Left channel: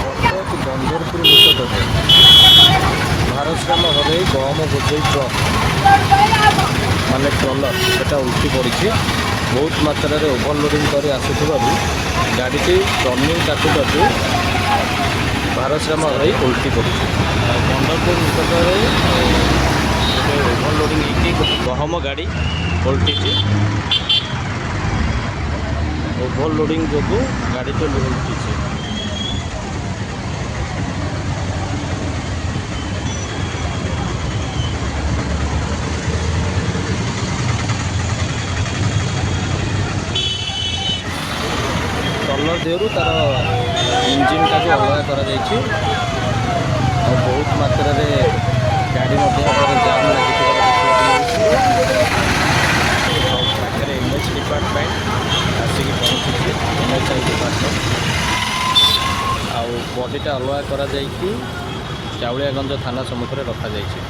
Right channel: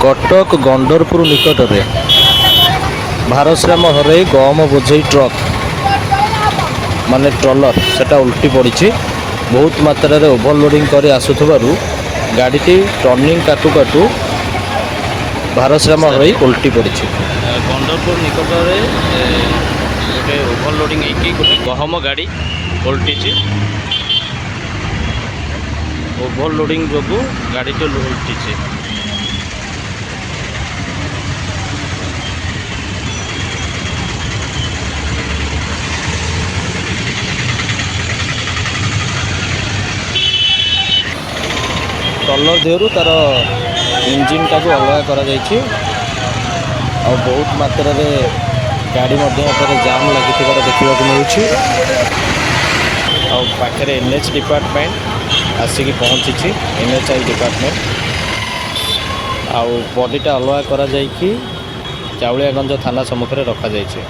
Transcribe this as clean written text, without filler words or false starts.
कटक गंडरपुर निकट में भारश्राम हरई गहम बोझई ट्रक माने ट्रलर सेटा उल्टी पड़ी बहुत मात्रा रे ओभरलोडिंग कर आसुथबारु गाड़ीटी टर्निंग काटू काटू भारश्राम हरई उल्टी पड़ी। गंडरपुर निकट में गोटे ओभरलोडिंग होगी गोटे गहम गाड़ी उल्टी ओभरलोडिंग जो गाड़ी तो उल्टी। ट्रलर देहरु तार इंजिन टाक अलग कर बहुत मात्रा रे गाड़ी जाम लगी देखा मिलूँ। पाखे एनएच डिपार्टमेंट आसिक पहुँची एनएचआई डिपार्टमेंट आउ बॉडीटा अलग कर चाउलियागंज थाना सम्मुखें रखा जाइए।